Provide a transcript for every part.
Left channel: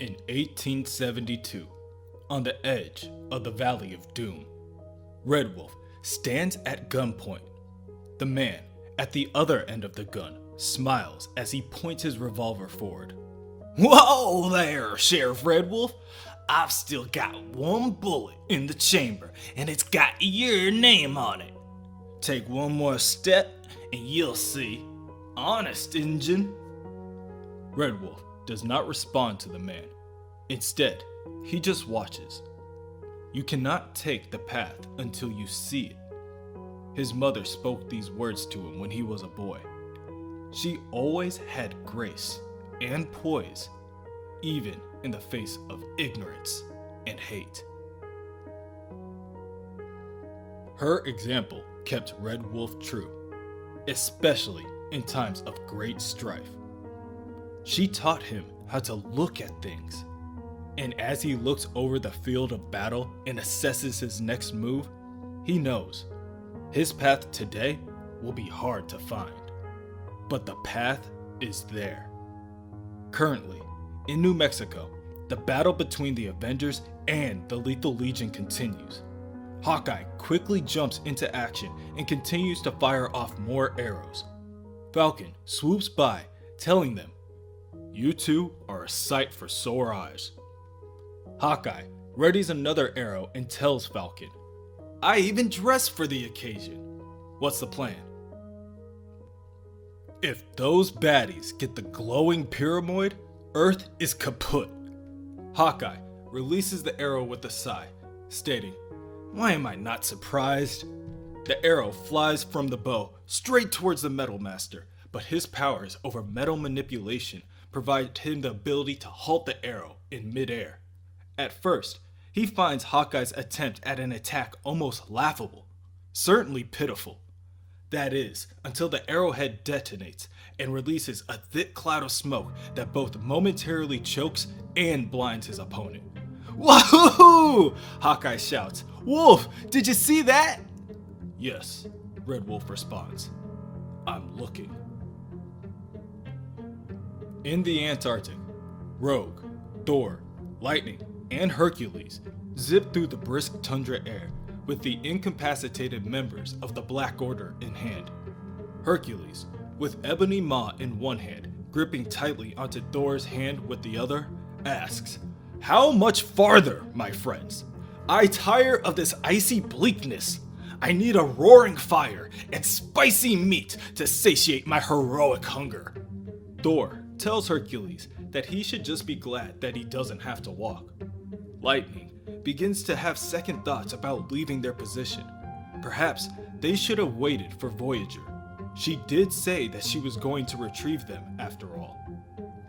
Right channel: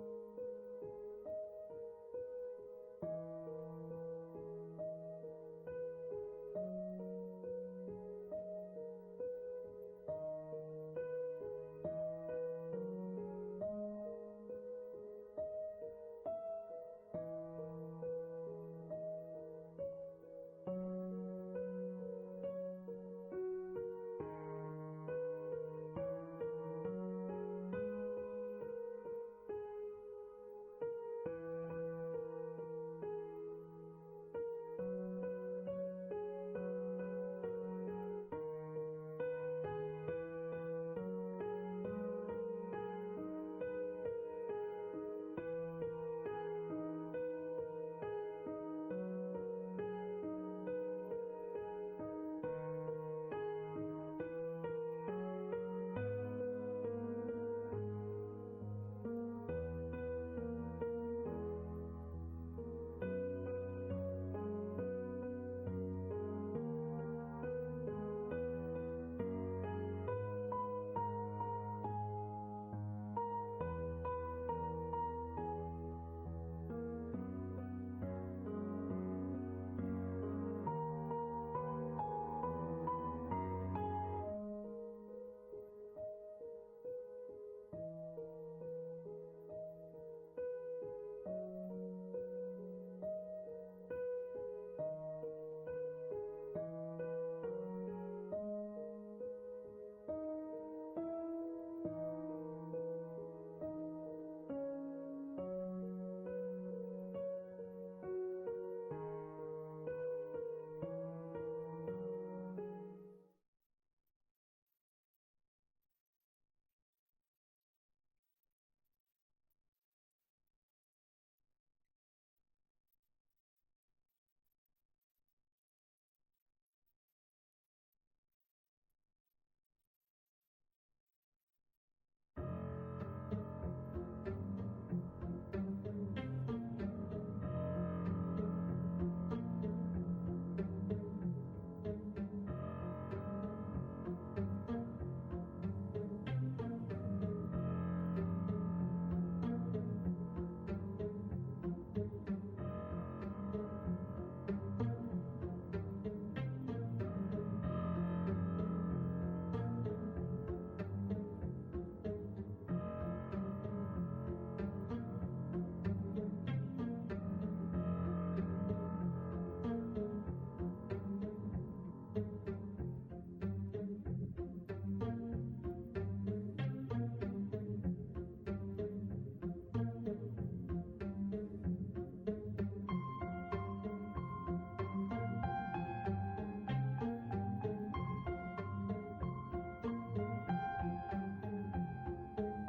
In 1872, on the edge of the Valley of Doom, Red Wolf stands at gunpoint. The man at the other end of the gun smiles as he points his revolver forward. "Whoa there, Sheriff Red Wolf. I've still got one bullet in the chamber, and it's got your name on it. Take one more step, and you'll see. Honest, Injun." Red Wolf does not respond to the man. Instead, he just watches. You cannot take the path until you see it. His mother spoke these words to him when he was a boy. She always had grace and poise, even in the face of ignorance and hate. Her example kept Red Wolf true, especially in times of great strife. She taught him how to look at things, and as he looks over the field of battle and assesses his next move, he knows his path today will be hard to find, but the path is there. Currently, in New Mexico, the battle between the Avengers and the Lethal Legion continues. Hawkeye quickly jumps into action and continues to fire off more arrows. Falcon swoops by, telling them, "You two are a sight for sore eyes." Hawkeye readies another arrow and tells Falcon, "I even dressed for the occasion. What's the plan?" "If those baddies get the glowing pyramid, Earth is kaput." Hawkeye releases the arrow with a sigh, stating, "Why am I not surprised?" The arrow flies from the bow straight towards the Metal Master, but his powers over metal manipulation provide him the ability to halt the arrow in midair. At first, he finds Hawkeye's attempt at an attack almost laughable, certainly pitiful. That is, until the arrowhead detonates and releases a thick cloud of smoke that both momentarily chokes and blinds his opponent. "Wahoo!" Hawkeye shouts. "Wolf, did you see that?" "Yes," Red Wolf responds. "I'm looking." In the Antarctic, Rogue, Thor, Lightning, and Hercules zip through the brisk tundra air with the incapacitated members of the Black Order in hand. Hercules, with Ebony Maw in one hand, gripping tightly onto Thor's hand with the other, asks, "How much farther, my friends? I tire of this icy bleakness. I need a roaring fire and spicy meat to satiate my heroic hunger." Thor tells Hercules that he should just be glad that he doesn't have to walk. Lightning begins to have second thoughts about leaving their position. Perhaps they should have waited for Voyager. She did say that she was going to retrieve them after all.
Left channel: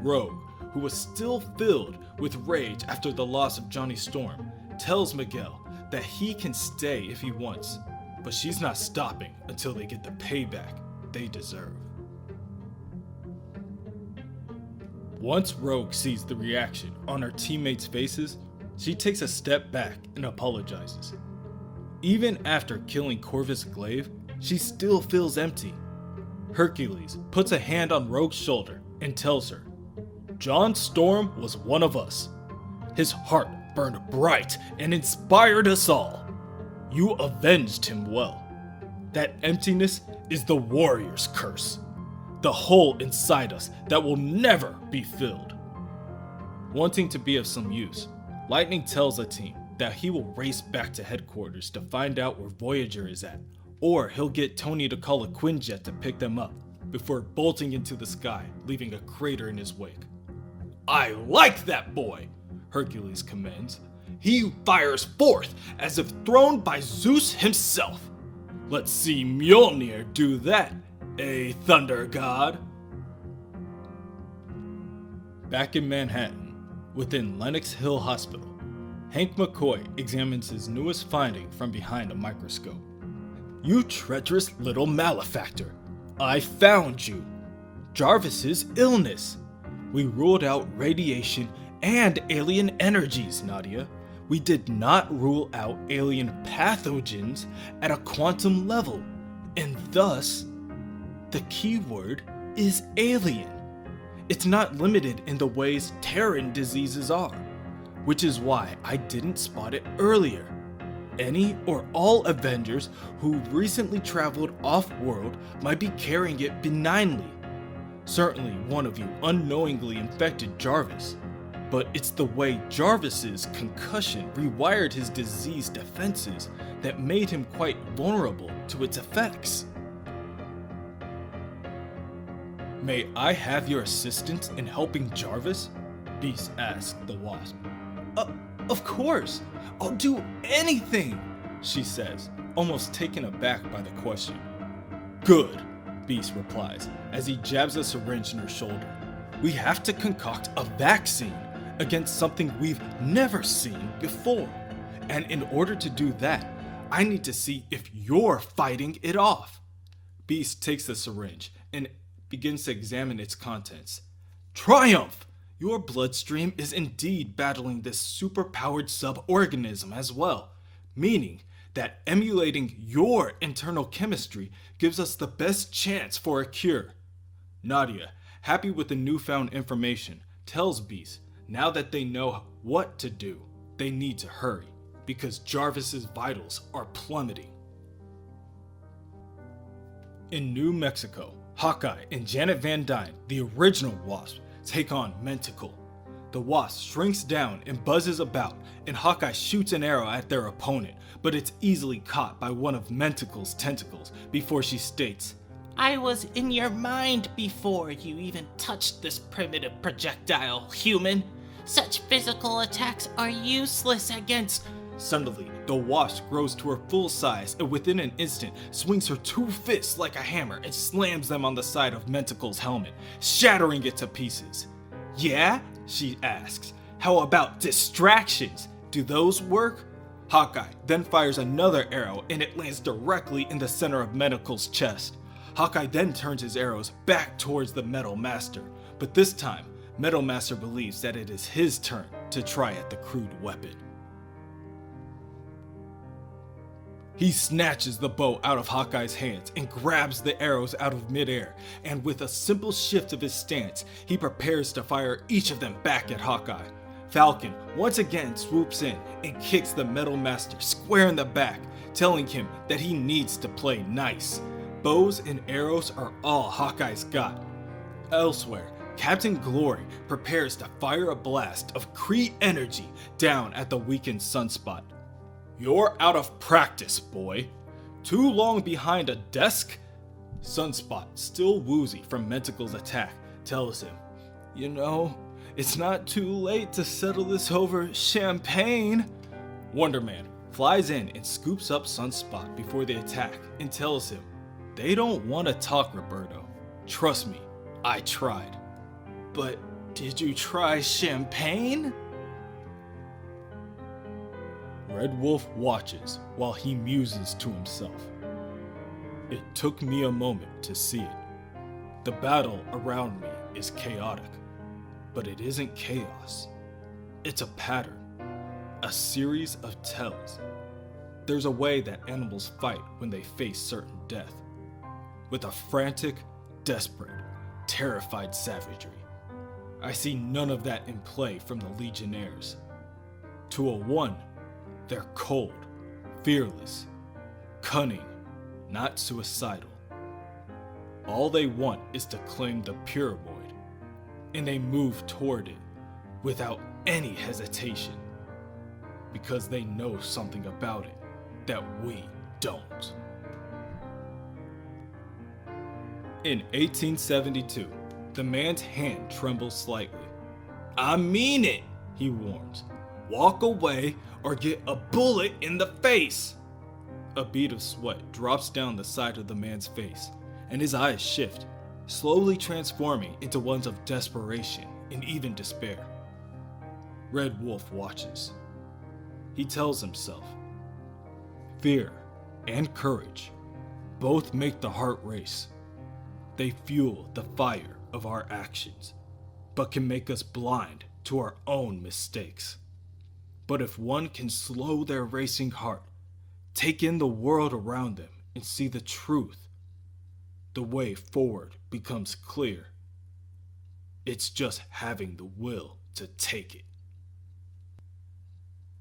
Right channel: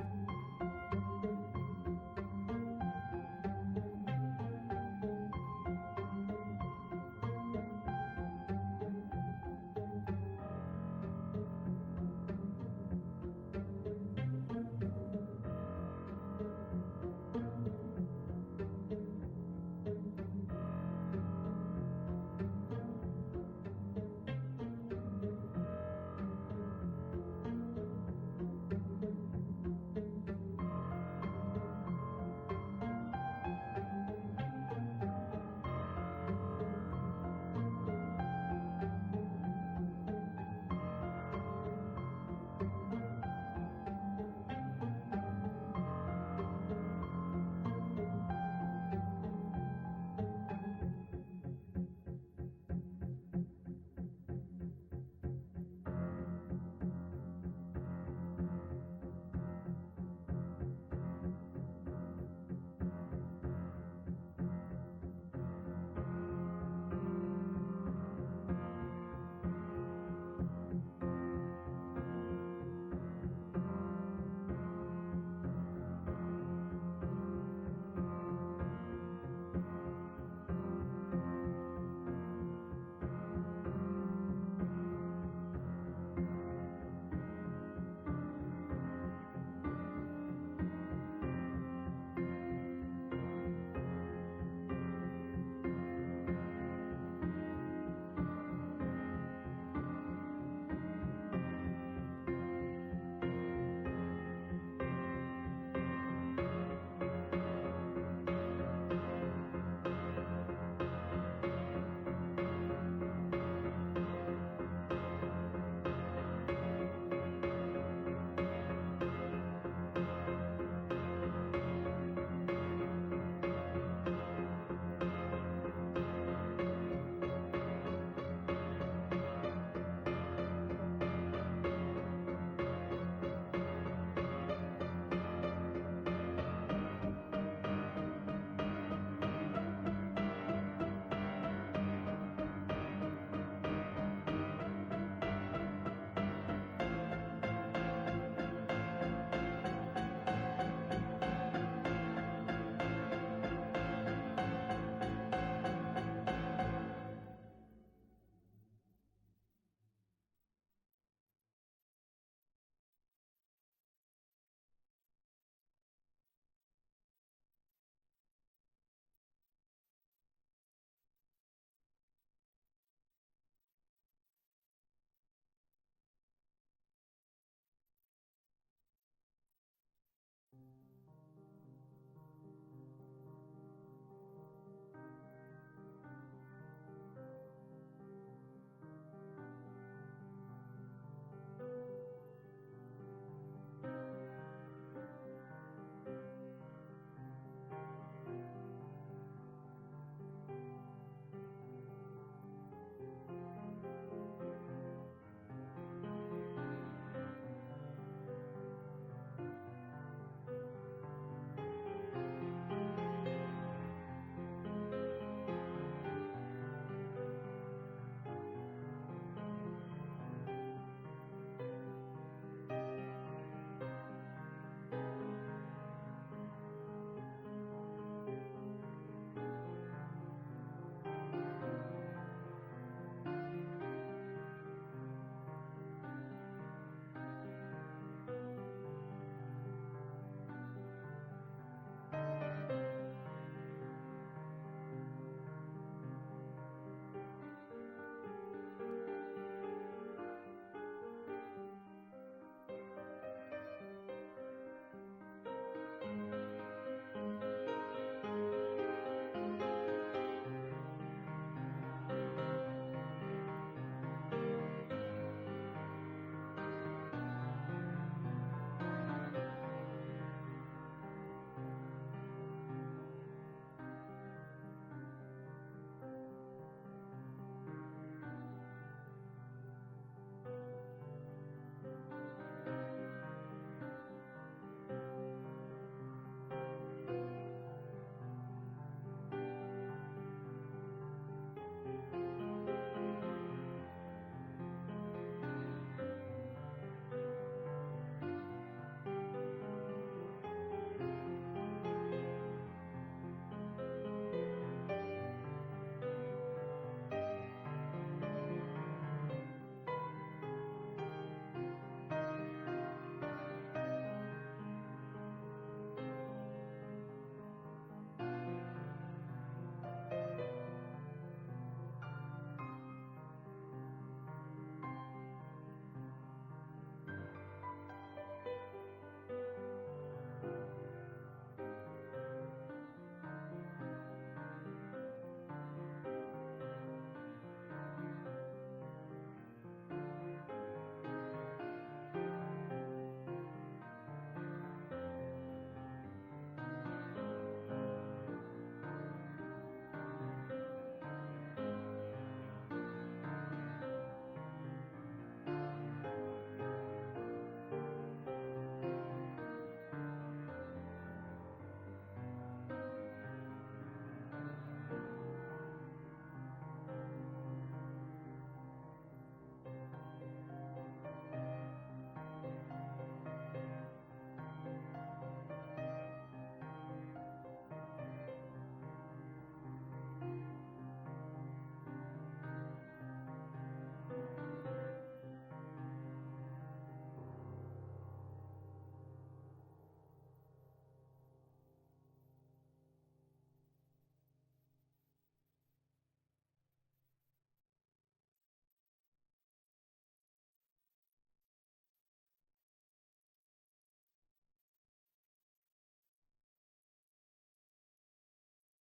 Rogue, who was still filled with rage after the loss of Johnny Storm, tells Miguel that he can stay if he wants, but she's not stopping until they get the payback they deserve. Once Rogue sees the reaction on her teammates' faces, she takes a step back and apologizes. Even after killing Corvus Glaive, she still feels empty. Hercules puts a hand on Rogue's shoulder and tells her, "John Storm was one of us. His heart burned bright and inspired us all. You avenged him well. That emptiness is the warrior's curse, the hole inside us that will never be filled." Wanting to be of some use, Lightning tells the team that he will race back to headquarters to find out where Voyager is at, or he'll get Tony to call a Quinjet to pick them up before bolting into the sky, leaving a crater in his wake. "I like that boy," Hercules commands. "He fires forth as if thrown by Zeus himself. Let's see Mjolnir do that, Thunder God." Back in Manhattan, within Lenox Hill Hospital, Hank McCoy examines his newest finding from behind a microscope. "You treacherous little malefactor. I found you. Jarvis's illness. We ruled out radiation and alien energies, Nadia. We did not rule out alien pathogens at a quantum level, and thus, the key word is alien. It's not limited in the ways Terran diseases are, which is why I didn't spot it earlier. Any or all Avengers who recently traveled off-world might be carrying it benignly. Certainly one of you unknowingly infected Jarvis, but it's the way Jarvis's concussion rewired his disease defenses that made him quite vulnerable to its effects. May I have your assistance in helping Jarvis? Beast asked the Wasp. Of course! I'll do anything! She says, almost taken aback by the question. Good, Beast replies, as he jabs a syringe in her shoulder. We have to concoct a vaccine against something we've never seen before. And in order to do that, I need to see if you're fighting it off. Beast takes the syringe and begins to examine its contents. Triumph! Your bloodstream is indeed battling this superpowered sub-organism as well, meaning that emulating your internal chemistry gives us the best chance for a cure. Nadia, happy with the newfound information, tells Beast now that they know what to do, they need to hurry, because Jarvis's vitals are plummeting. In New Mexico, Hawkeye and Janet Van Dyne, the original Wasp, take on Mentacle. The Wasp shrinks down and buzzes about, and Hawkeye shoots an arrow at their opponent, but it's easily caught by one of Mentacle's tentacles before she states, I was in your mind before you even touched this primitive projectile, human. Such physical attacks are useless against... Suddenly, the Wasp grows to her full size and within an instant swings her two fists like a hammer and slams them on the side of Mentacle's helmet, shattering it to pieces. Yeah? She asks. How about distractions? Do those work? Hawkeye then fires another arrow and it lands directly in the center of Mentacle's chest. Hawkeye then turns his arrows back towards the Metal Master, but this time, Metal Master believes that it is his turn to try at the crude weapon. He snatches the bow out of Hawkeye's hands and grabs the arrows out of midair, and with a simple shift of his stance, he prepares to fire each of them back at Hawkeye. Falcon once again swoops in and kicks the Metal Master square in the back, telling him that he needs to play nice. Bows and arrows are all Hawkeye's got. Elsewhere, Captain Glory prepares to fire a blast of Kree energy down at the weakened Sunspot. You're out of practice, boy. Too long behind a desk? Sunspot, still woozy from Mentacle's attack, tells him, You know, it's not too late to settle this over champagne. Wonder Man flies in and scoops up Sunspot before the attack and tells him, They don't want to talk, Roberto. Trust me, I tried. But did you try champagne? Red Wolf watches while he muses to himself. It took me a moment to see it. The battle around me is chaotic, but it isn't chaos. It's a pattern, a series of tells. There's a way that animals fight when they face certain death, with a frantic, desperate, terrified savagery. I see none of that in play from the Legionnaires. To a one, they're cold, fearless, cunning, not suicidal. All they want is to claim the pure void, and they move toward it without any hesitation, because they know something about it that we don't. In 1872, the man's hand trembles slightly. I mean it, he warns. Walk away or get a bullet in the face. A bead of sweat drops down the side of the man's face, and his eyes shift, slowly transforming into ones of desperation and even despair. Red Wolf watches. He tells himself, fear and courage both make the heart race. They fuel the fire of our actions, but can make us blind to our own mistakes. But if one can slow their racing heart, take in the world around them and see the truth, the way forward becomes clear. It's just having the will to take it.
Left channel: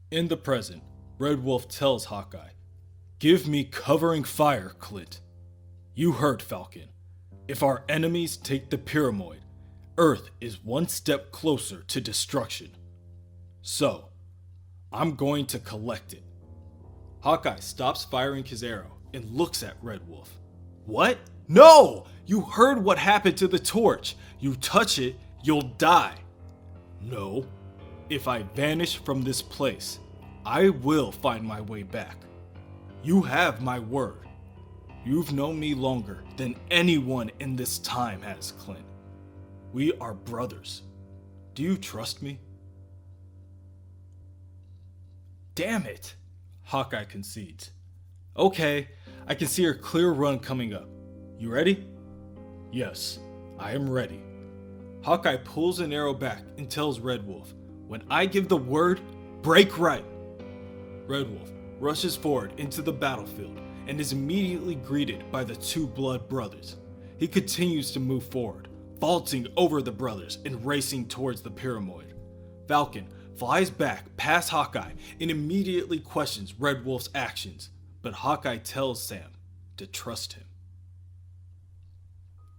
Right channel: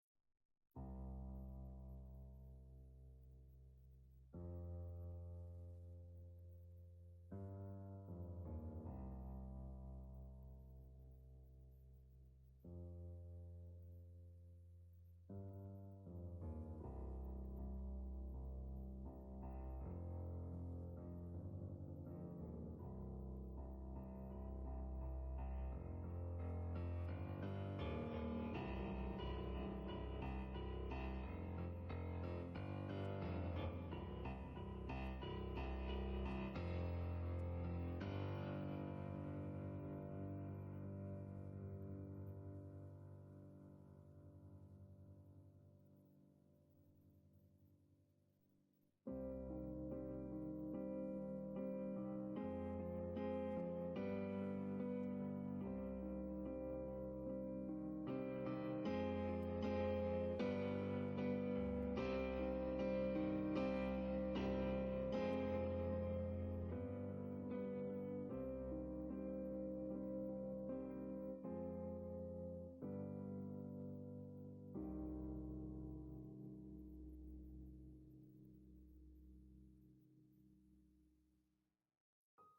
In the present, Red Wolf tells Hawkeye, "Give me covering fire, Clint. You heard, Falcon. If our enemies take the Pyramid, Earth is one step closer to destruction. So, I'm going to collect it." Hawkeye stops firing his arrow and looks at Red Wolf. "What? No! You heard what happened to the torch. You touch it, you'll die." "No. If I vanish from this place, I will find my way back. You have my word. You've known me longer than anyone in this time has, Clint. We are brothers. Do you trust me?" "Damn it," Hawkeye concedes. "Okay, I can see a clear run coming up. You ready?" "Yes, I am ready." Hawkeye pulls an arrow back and tells Red Wolf, "When I give the word, break right." Red Wolf rushes forward into the battlefield and is immediately greeted by the two blood brothers. He continues to move forward, vaulting over the brothers and racing towards the Pyramid. Falcon flies back past Hawkeye and immediately questions Red Wolf's actions, but Hawkeye tells Sam to trust him.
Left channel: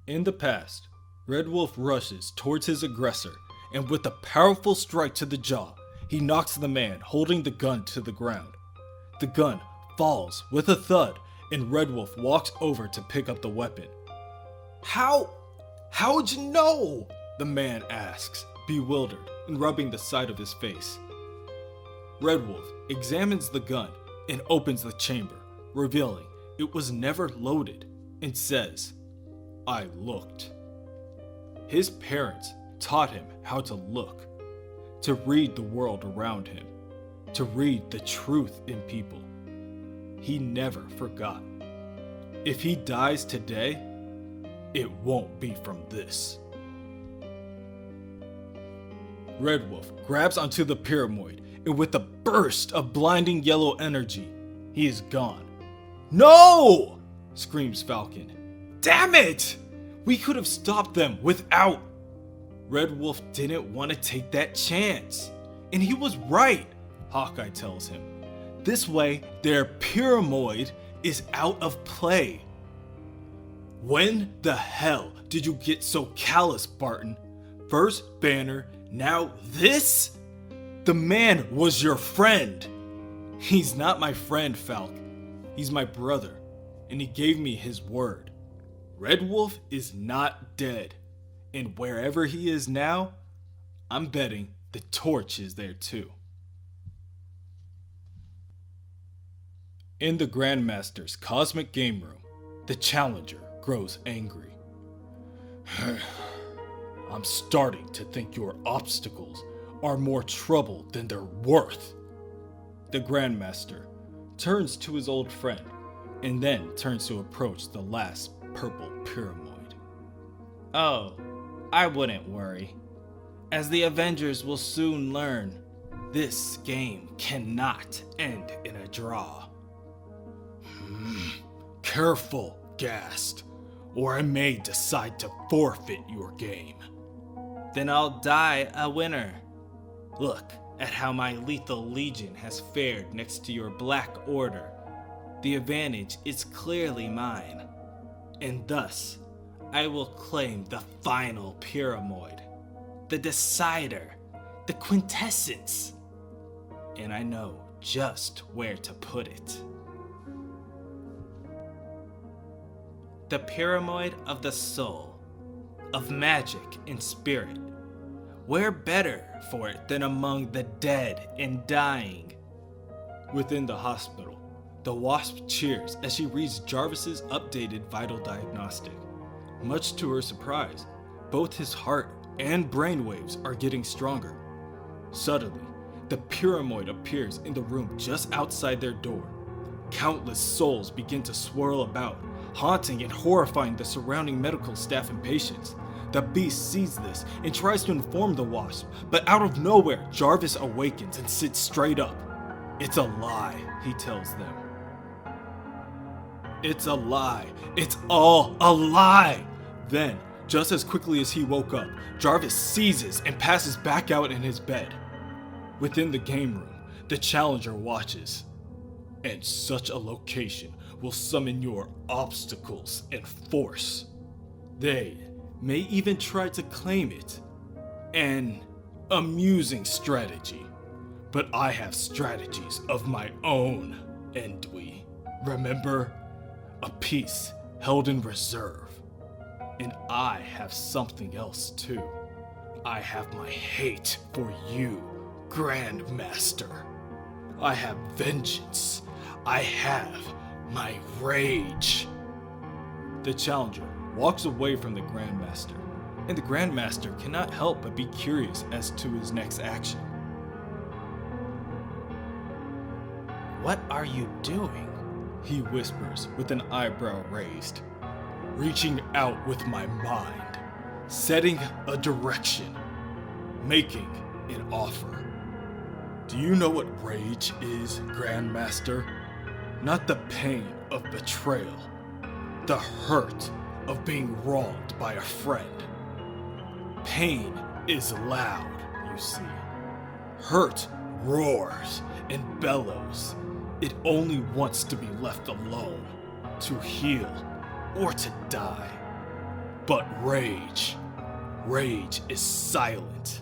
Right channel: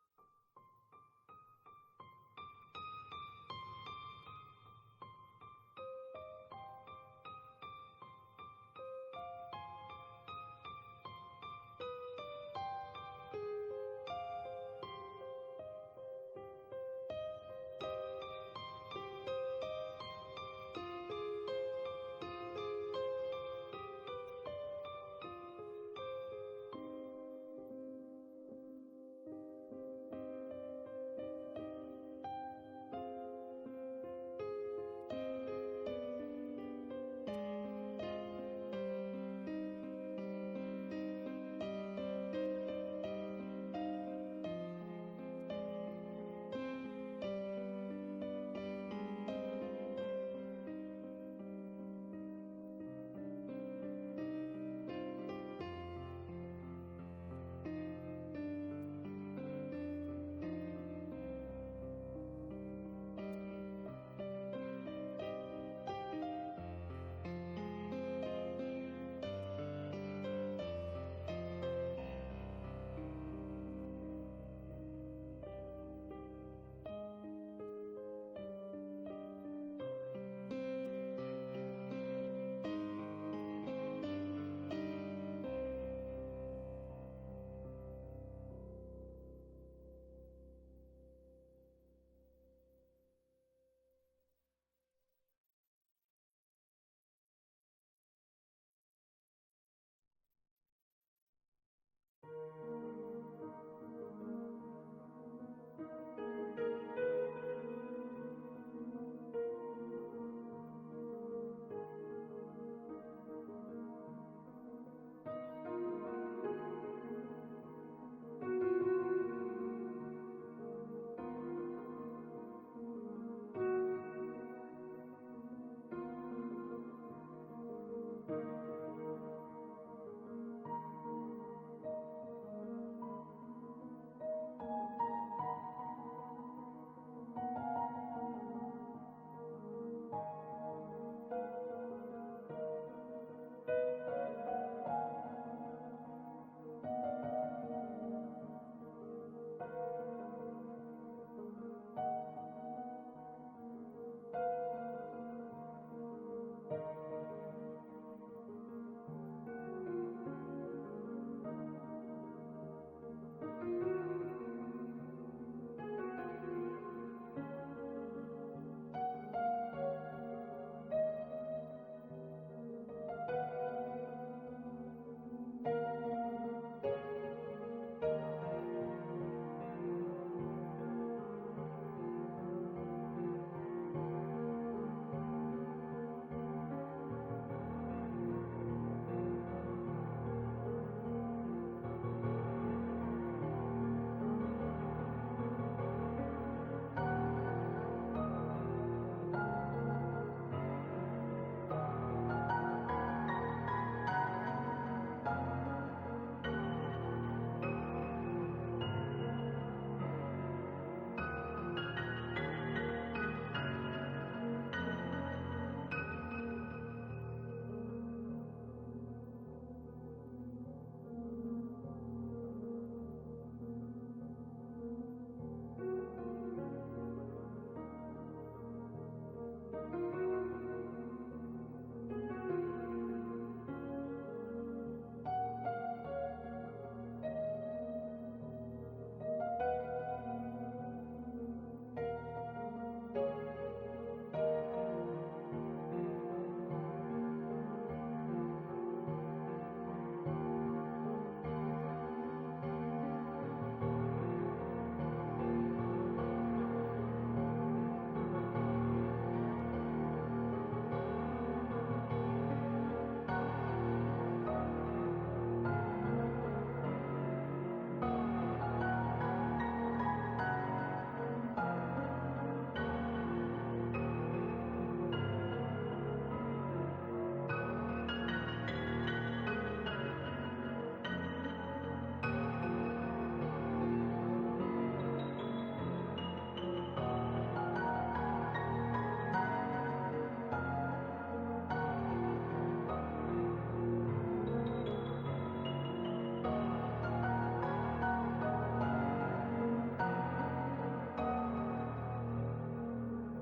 In the past, Red Wolf rushes towards his aggressor, and with a powerful strike to the jaw, he knocks the man holding the gun to the ground. The gun falls with a thud, and Red Wolf walks over to pick up the weapon. How'd you know?" the man asks, bewildered and rubbing the side of his face. Red Wolf examines the gun and opens the chamber, revealing it was never loaded, and says, "I looked." His parents taught him how to look, to read the world around him, to read the truth in people. He never forgot. If he dies today, it won't be from this. Red Wolf grabs onto the Pyramid, and with a burst of blinding yellow energy, he is gone. "No!" screams Falcon. "Damn it! We could have stopped them without..." Red Wolf didn't want to take that chance. And he was right, Hawkeye tells him. This way, their Pyramid is out of play. "When the hell did you get so callous, Barton? First Banner, now this? The man was your friend." "He's not my friend, Falcon. He's my brother, and he gave me his word. Red Wolf is not dead, and wherever he is now, I'm betting the torch is there too." In the Grandmaster's cosmic game room, the challenger grows angry. "I'm starting to think your obstacles are more trouble than they're worth." The Grandmaster turns to his old friend and then turns to approach the last purple Pyramid. "Oh, I wouldn't worry. As the Avengers will soon learn, this game cannot end in a draw." Careful, Gast, or I may decide to forfeit your game." "Then I'll die a winner. Look at how my Lethal Legion has fared next to your Black Order. The advantage is clearly mine, and thus I will claim the final Pyramid, the decider, the quintessence, and I know just where to put it. The Pyramid of the soul, of magic and spirit. Where better for it than among the dead and dying?" Within the hospital, the Wasp cheers as she reads Jarvis's updated vital diagnostic. Much to her surprise, both his heart and brainwaves are getting stronger. Suddenly, the Pyramid appears in the room just outside their door. Countless souls begin to swirl about, haunting and horrifying the surrounding medical staff and patients. The Beast sees this and tries to inform the Wasp, but out of nowhere, Jarvis awakens and sits straight up. "It's a lie," he tells them. "It's a lie. It's all a lie." Then, Just as quickly as he woke up, Jarvis seizes and passes back out in his bed. Within the game room, the Challenger watches. And such a location will summon your obstacles and force. They may even try to claim it. An amusing strategy. But I have strategies of my own, Endwy. Remember? A piece held in reserve. And I have something else too. I have my hate for you, Grandmaster. I have vengeance. I have my rage. The Challenger walks away from the Grandmaster, and the Grandmaster cannot help but be curious as to his next action. What are you doing? He whispers with an eyebrow raised. Reaching out with my mind, setting a direction, making an offer. Do you know what rage is, Grandmaster? Not the pain of betrayal, the hurt of being wronged by a friend. Pain is loud, you see. Hurt roars and bellows. It only wants to be left alone, to heal or to die. But rage is silent.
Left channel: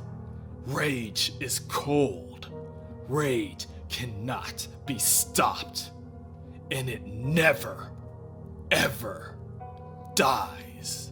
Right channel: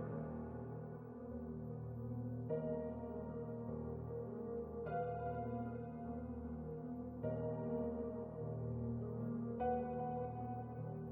Rage is cold. Rage cannot be stopped. And it never, ever dies.